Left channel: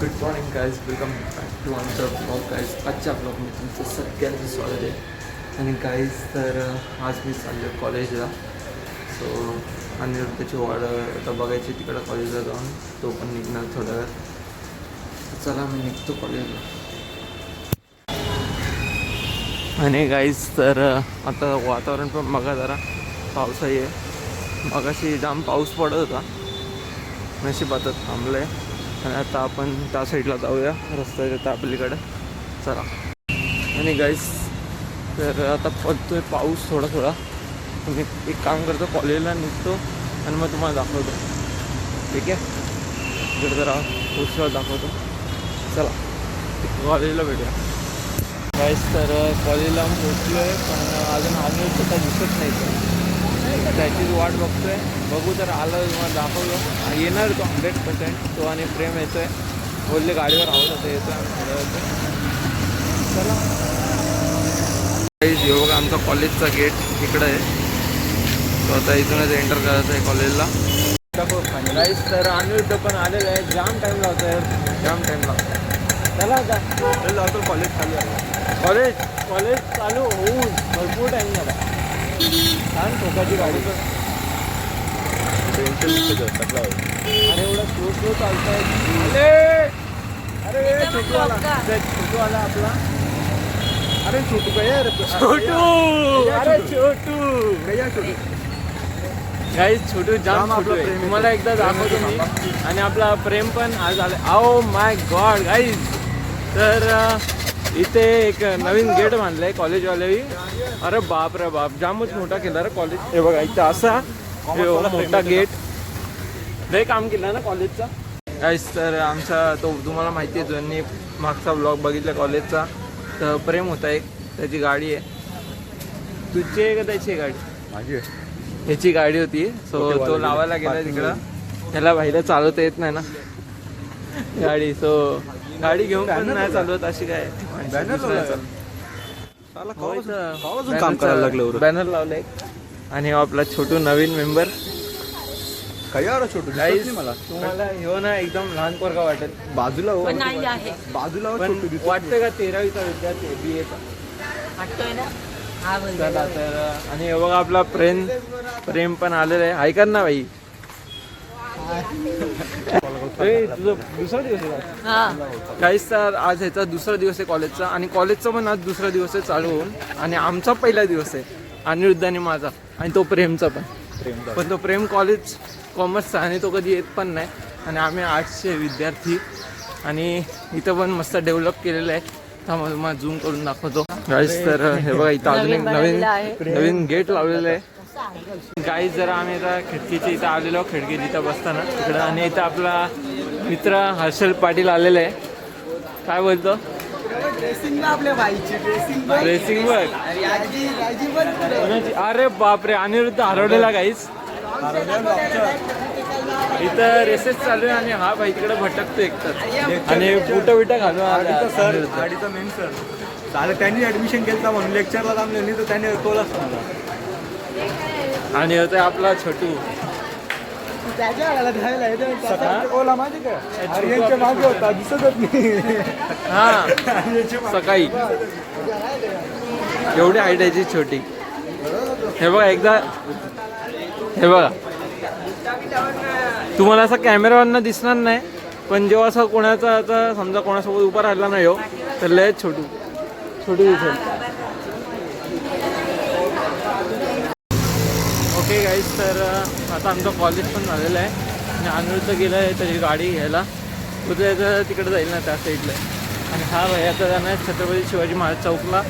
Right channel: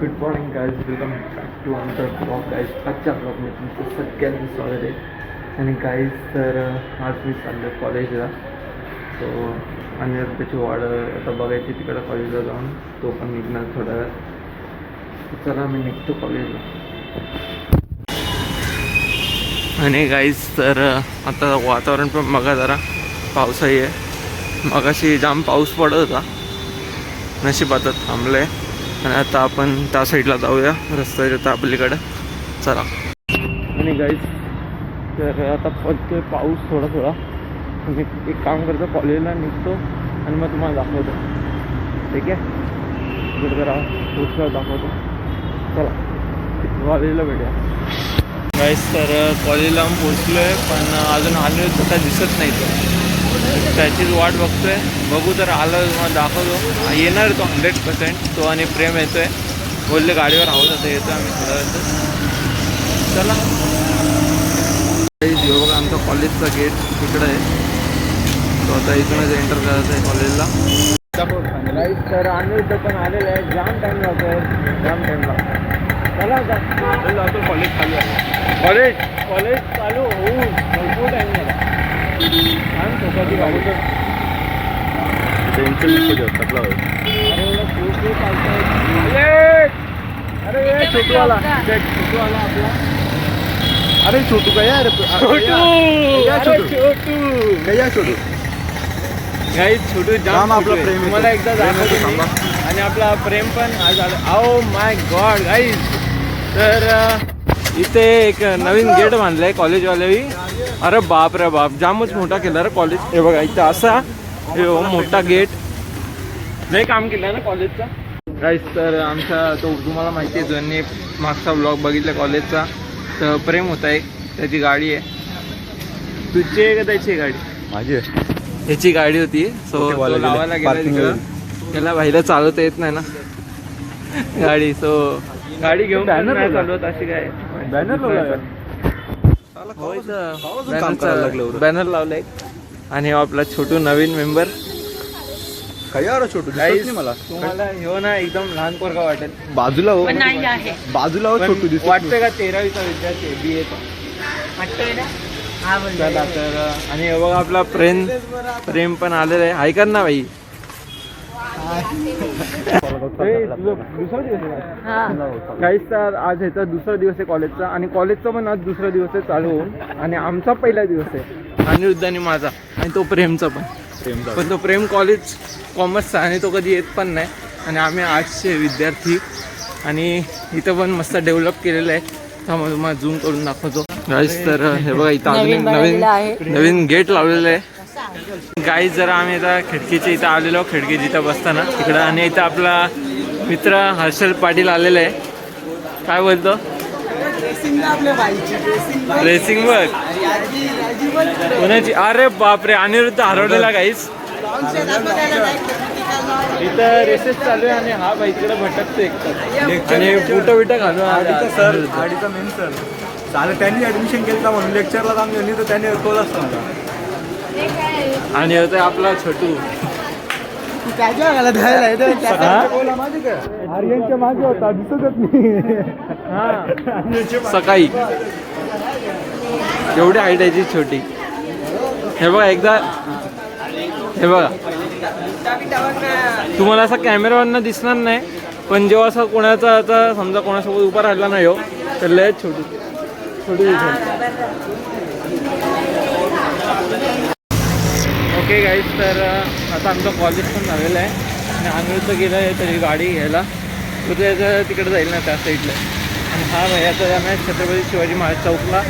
Good morning guys, welcome back to आमचा blog guys. आजच्या ब्लॉगमध्ये तुमचं सगळ्यांचं स्वागत आहे. आणि गाईज तर आज मी चाललो आहे कॉलेजला. सो अनिरुद्धची वाढ आता बघायची तिकडं कॉलेजला जाऊन, तो पण निघणार थोड्या वेळ. चला मी निघतो कॉलेजला. आणि गाईज तर आता वातावरण पण बघा जरा पावसाही आहे. मगाशी जाम पाऊस पडत होता, नशीब आता थांबलं आहे. आणि आता आपण त्या साईडला जाऊया रस्त्याच्या त्या पलीकडं. चला. आणि गाईस तर आता पडतो आहे पाऊस थोडा थोडा. आणि एक काम करतो, कॉलेजला निघतो आणि मग तुम्हाला दाखवतो. ठीक आहे, इकडे जरा पोस्टला दाखवतो. चला कॉलेजला भेटूया. गाईस तर कॉलेजला पोचलो आहे, पण अजून आलो तर दिसत नाही. तो त्याचीच वाट बघतोय. बघू तर आलं तुम्हाला दाखवतो. येणार तो 100%. तो आणि प्रेम येतोय, बोलले गाडीवर आहोत आता येतोय आम्ही थोड्या वेळात. चला. जो बघा आमचा कॉलेजचा गेट इकडं आहे. तो आता इथूनच एंटर करायचं आहे कॉलेजला. गाईस तर अनिरुद्ध पण आलेलं आहे. जाम टाईम लावतो, जाम टाईम लावतो. चला आता कॉलेज चालू आहे. कॉलेज चालू होऊन भरपूर टाईम झाला. छोटूवाला आपला. अरे छोटू काय यार, छोटू गाईस. छोटू जाम तुम्हाला एकदा दाखवतो. आणि आपला प्रेम पण आज आला. ओ माय गॉड गाईस. तर इथे एक नवीन गेट बांधलाय कॉलेजवाले. अरे बाप रे बाप, जामच मोठा केला रे कॉलेज. हे बघा इथं असा हे मोठा गेट. लय काम केलं ना कॉलेजचा गाईस. तर आमचा तो तुम्हाला माहिती आहे, ज्यांनी मागचा ब्लॉग बघितला कॉलेजचा, तर प्रेम होता एक, त्याची गाडी आहे. तुझी आहे का त्याची गाडी? माझी आहे. ह्याची गाडी होती. सो तो लावायला गेला तिकडं. त्याला बाईला चालवता येत नाही ना गाडी. सो गाडी घेऊन नाही चालवत अशी काय. बॅनर बॅनर लावलाय. आणि आपला छोटू नवीन मेंबर. छोटू मला तुम्हाला हे ना एकदम लहान पोरगा वाटेल. बाजूला बाजूला वाटतंय का 13वीचा विद्यार्थी BA चा वाटतोय ना. चला तर. आणि हे बघा आपला प्रेम पण आलेला आहे. ऐका ना बाई. दुसरा दिवस आहे काहीच. तर आज ह्याचा दुसरा दिवस आहे कॉलेजचा. आणि कॉलेजचा पण आज दुसरा दिवस आहे चालू होऊन. आणि आमचा पहिला दिवस आहे अनिरुद्ध आणि माझा. आणि तो प्रेमचा पण तो प्रेम कॉलेज कॉमर्सचा. आणि तो कधी येत पण नाही. आणि आम्ही आर्ट्सचे विद्यार्थी. आणि इथं पण मस्त डेव्हलप केलेलं आहे. त्यामुळे तुम्हाला झूम करून दाखवतो गाईस. तर हे बघा इथं अजून एक नवीन गेट लावलेलं आहे गाईस. जरा आम्ही आता खिडकीच्या इथं आलेलो, खिडकी जिथं बसताना तिकडं. आणि इथं आपला मित्र हर्षल पाटील आलेला आहे. काय बोलतो? रेसिंग बघ कोणाची. अरे बापरे, अनिरुद्ध हरवलेला गाईस. इथं रेसेस चालू आहे. आणि हा बाई इकडे भटकतो एकटाच. आणि बुटं बिटं घालून सर गाडीचा मेन सर झालं. त्यांनी ऍडमिशन केलं म्हणून लेक्चरला थांबले नाही, तर त्याने तोला असतो मला. आणि होतं आपला छोटू. आर्यनच्या मागे होता, दिसतच नाही. हा सकाळी एवढी हाईट आहे छोटी. हे बघा एकदा, हे बघा तुम्हाला असं कॅमेरावरनं दिसणार नाही, पण जेव्हा असं कोणाचा आता समजा कोणासोबत उभा राहिला नाही हो, तर लय छोटू दिसेल. Okay guys. तर आता आमचं कॉलेज पण झालेलं आहे. आणि अनिरुद्ध गेला आहे त्याची गाडी घ्यायला. तो त्याचं तिकडे जाईल ना त्या साईडला. आणि हा भैयाचा जाणार आहे छत्रपती शिवाजी महाराज चौकला.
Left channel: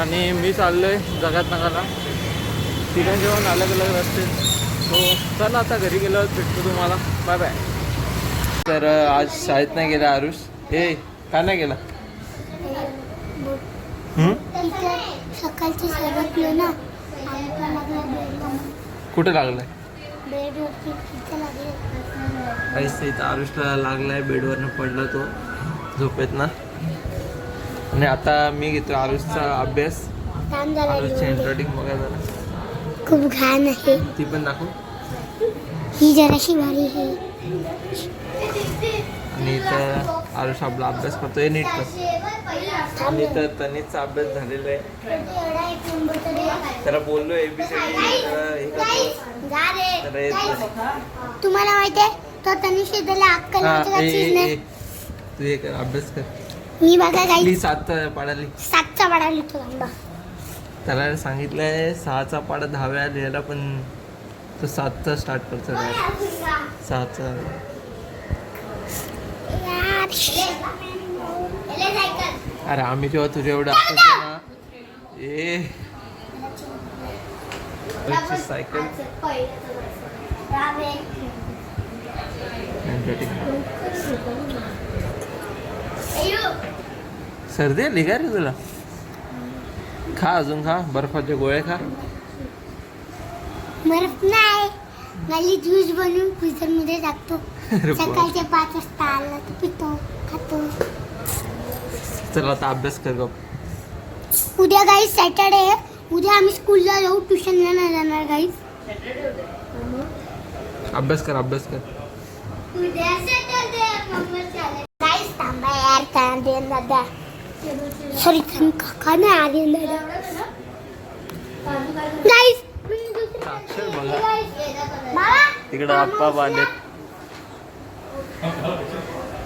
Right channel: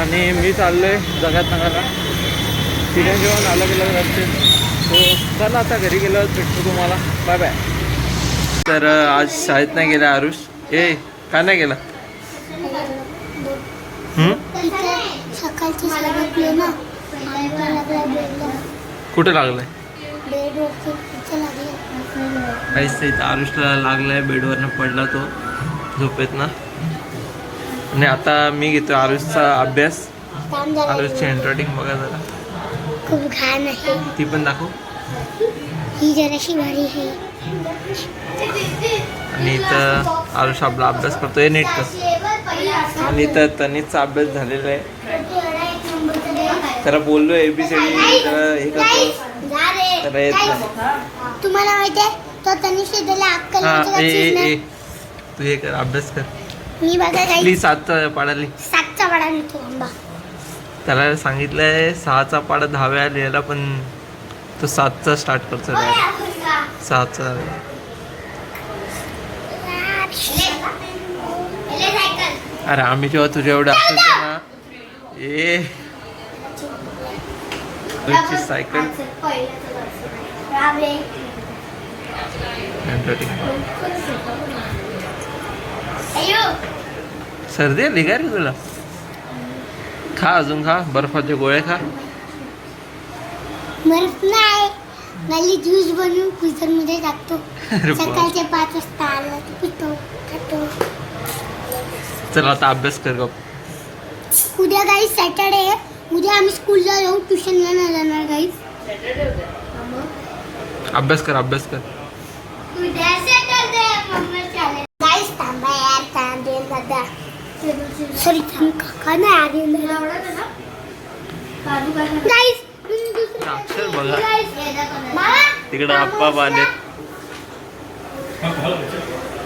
आणि मी चाललो आहे जगात नगरला. तिथे जेवण अलग अलग रस्ते. तो चला आता घरी गेल्यावर भेटतो तुम्हाला. Bye bye. तर आज शाळेत नाही गेला आरुष. का नाही गेला? कुठे लागलाय? काहीच इथं आरुषला लागलाय. बेडवरनं पडला तो झोपेत ना. आणि आता मी घेतो आरुषचा अभ्यास. आरुषची हँडरायटिंग बघा जरा. खूप घाण आहे. ती पण दाखव. ही जराशी भारी आहे. आणि इथं आरुष आपला अभ्यास करतोय नीट कर. आणि इथं तनिषचा अभ्यास झालेला आहे. त्याला बोललो ABCD हे करतो त्याला येत नाही. तुम्हाला माहितीये तो तनिष त्याला अक्कल हा म्हणजे काय चीज तू हे कर अभ्यास कर. मी बघा काही प्लीज 7चा पाडाली. 7चा पाडा लिहितो आंबा. त्याला सांगितलंय 6चा पाडा 10व्या लिहायला पण तो 7चा स्टार्ट करतो. 6चा अरे आम्ही जेव्हा तुझ्या एवढं असायचो ना सायकल सर्दी आली का रे तुला? खा अजून खा बर्फाचे गोळे खा. मरत नाही मला ज्यूस बनवून फ्रीजर मध्ये टाकतो. अरे बाप. सकाळच्या 5 वाजता आला तर पितो खातो. चल आता अभ्यास कर गप. उद्या गाईज सॅटर्डे आहे. उद्या आम्ही स्कूलला जाऊ ट्युशनला नाही जाणार गाईज. अभ्यास कर अभ्यास कर. उद्या सॅटर्डे गाईज थांबा यार कांदे दादा सॉरी काका नाही आर्यन दादा गाईज अक्षर बघा तिकडे आप्पा बांधले.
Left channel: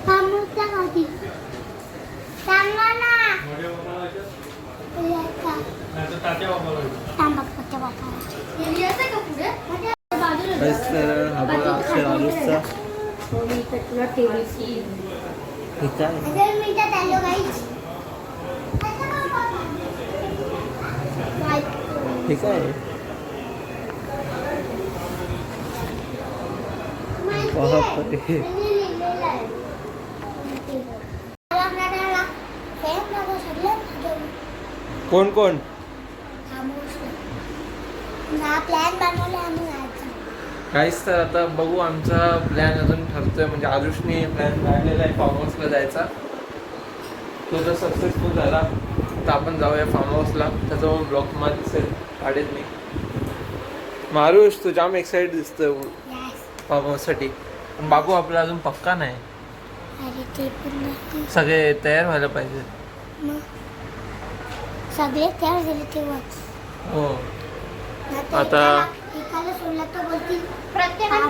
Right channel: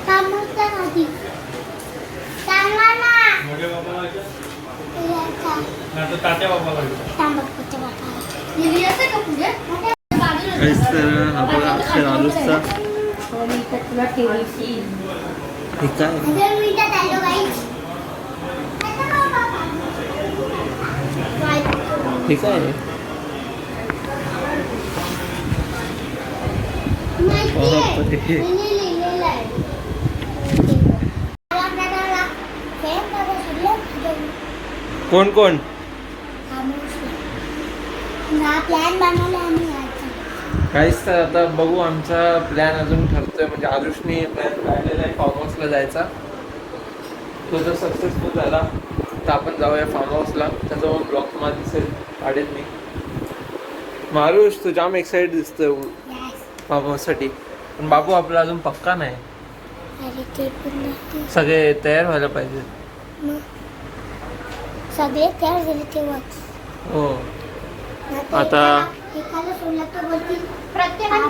थांबवता खाती सांगा ना तर हा बघा अक्षर आलूसचा हे काय हे काय बापरे. कोण कोण प्लॅन बनवला आम्ही यायचा. काहीच तर आता बघू आमचा प्लॅन अजून ठरतोय. म्हणजे आरुषने प्लॅन काढलेला आहे फार्म हाऊसला जायचा. तो जर सक्सेसफुल झाला तर आपण जाऊया फार्म हाऊसला. त्याचा ब्लॉग मला दिसेल काढेल मी. आरुष तू जाम एक्साइटेड दिसतोय फार्म हाऊससाठी. पण बाबू आपला अजून पक्का नाही. अरे ते पण नाही. सगळे तयार व्हायला पाहिजे. मग सगळे तयार झाले तेव्हाच. हो आता एकाला सोडला तर बोलतील प्रत्येकाने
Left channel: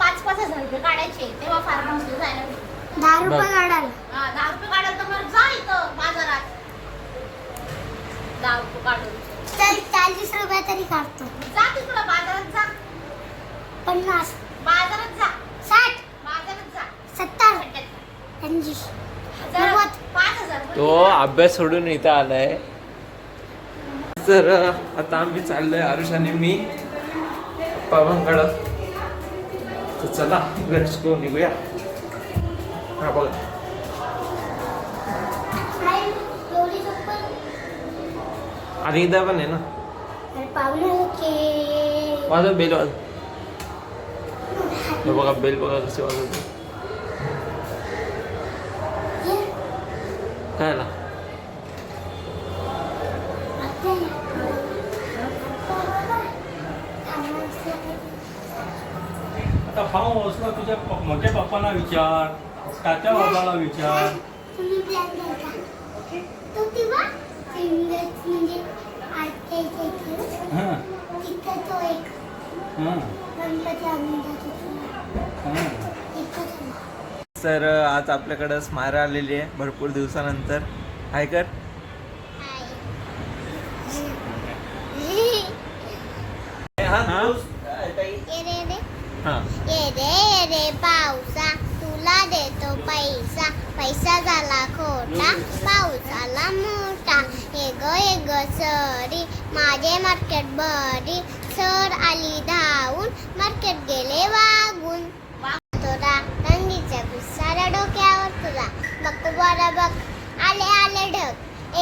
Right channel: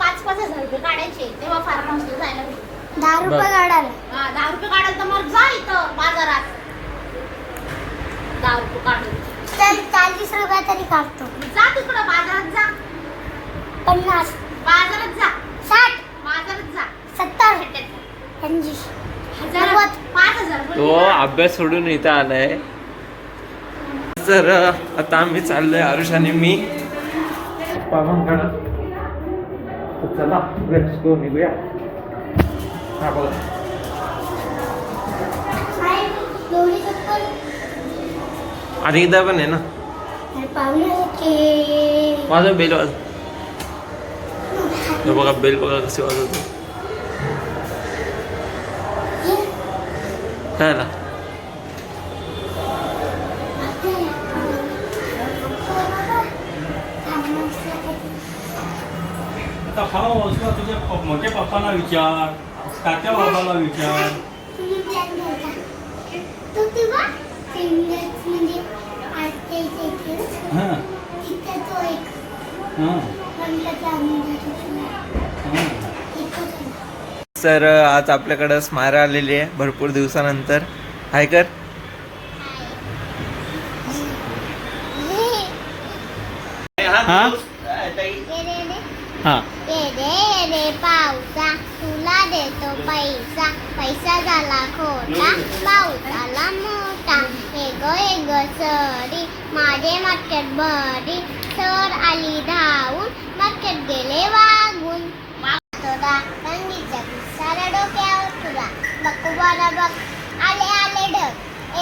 5,000 रुपये काढायचे तेव्हा फार्म हाऊसला जायला भेटेल. 10 रुपये काढायला. 10 रुपये काढायला तर मग जा इथं बाजारात 10 रुपये काढून चल 40 रुपये तरी काढतो. जा तिकडं बाजारात जा 50 बाजारात जा 60 बाजारात जा 70 50 5,000 तो अभ्यास सोडून इथं आलाय. तर आता आम्ही चाललोय आरुष आणि मी बाबांकडं. तर चला लेट्स गो निघूया. हा बोला. एवढी चप्पल आणि एकदा पण आहे ना अरे पाहुणे के माझं बेल वाज. हे बघा बेल बघा कशी वाजवतो. काय आला आता फार्म हाऊसला तुझ्या मोठ्या पप्पांना विचार, तात्या बाबाला विचार. तुम्ही प्लॅन करता तो तेव्हा सिंगर्स म्हणजे आजच्या इथे हां तिथं तो एक हां गणपती आणून जातो. हां. तर आज आपल्याकडं स्मायरा आलेली आहे भरपूर दिवसानंतर. हाय कर. हां हां ये रे पावसा तुला देतो पैसा पैसा झाला खोटा पाऊस आला मोठा हे ग सरी माझे मटक्यात बरी सर आली धावून मटक्यात गेले वागून तुला रंगीच्या गुस्साला डोक्यावर तुला बघ बरं बघ आले आले ढग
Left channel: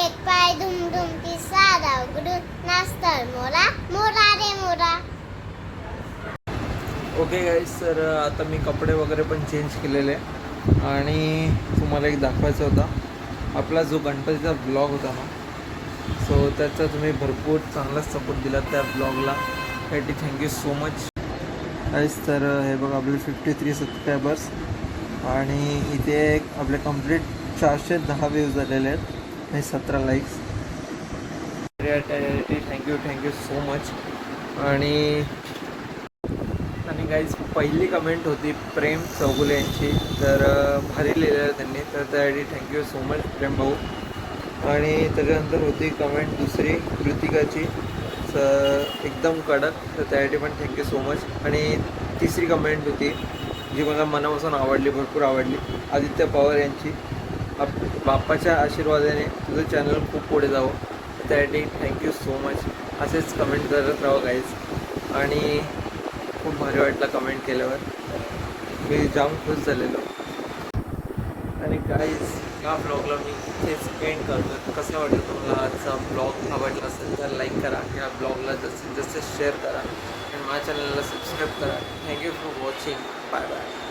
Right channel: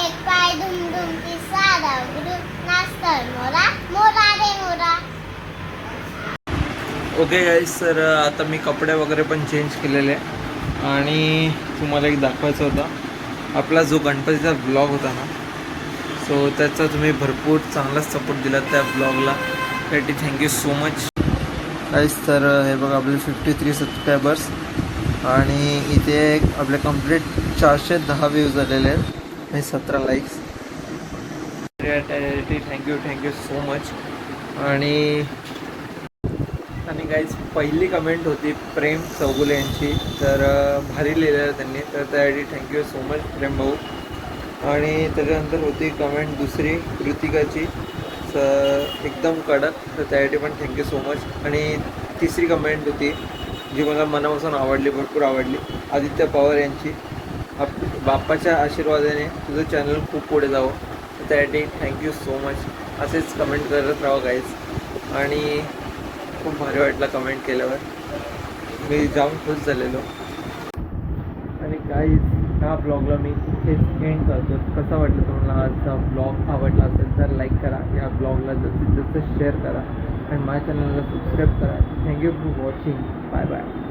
एक पाय धुम धुम पिसारा उघडून नाचतर मोरा मोरा रे मोरा. ओके गाईस तर आता मी कपडे वगैरे पण चेंज केलेले आणि तुम्हाला एक दाखवायचा होता आपला जो गणपतीचा ब्लॉग होता ना. सो त्याचा तुम्ही भरपूर चांगलाच सपोर्ट दिला त्या ब्लॉगला. त्यासाठी थँक्यू सो मच गाईस. तर हे बघा आपले 53 सबस्क्रायबर्स आणि इथे आपले कंप्लीट 410 व्ह्यूज झालेले आहेत आणि 17 लाईक्स. Thank you so much. आणि गाईज पहिली कमेंट होती प्रेम चौगुले यांची, तर भारी लिहिलेलं त्यांनी, तर त्यासाठी थँक्यू सो मच प्रेम भाऊ. आणि त्याच्यानंतर होती कमेंट दुसरी कृतिकाची, एकदम कडक, तर त्यासाठी पण थँक्यू सो मच. आणि तिसरी कमेंट होती जी मला मनापासून आवडली, भरपूर आवडली, आदित्य पवार यांची, बाप्पाच्या आशीर्वादाने तुझं चॅनल खूप पुढे जावं, तर त्यासाठी थँक्यू सो मच. असेच कमेंट करत राहा गाईज. आणि खूप भारी वाटलं कमेंट केल्यावर, मी जाम खुश झालेलो. आणि गाईज ह्या ब्लॉगला मी इथेच एंड करतो. कसं वाटलं तुम्हाला आजचा ब्लॉग? आवडला असेल तर लाईक करा, या ब्लॉगला जास्तीत जास्त शेअर करा आणि माझ्या चॅनलला सबस्क्राईब करा. Thank you for watching. Bye bye.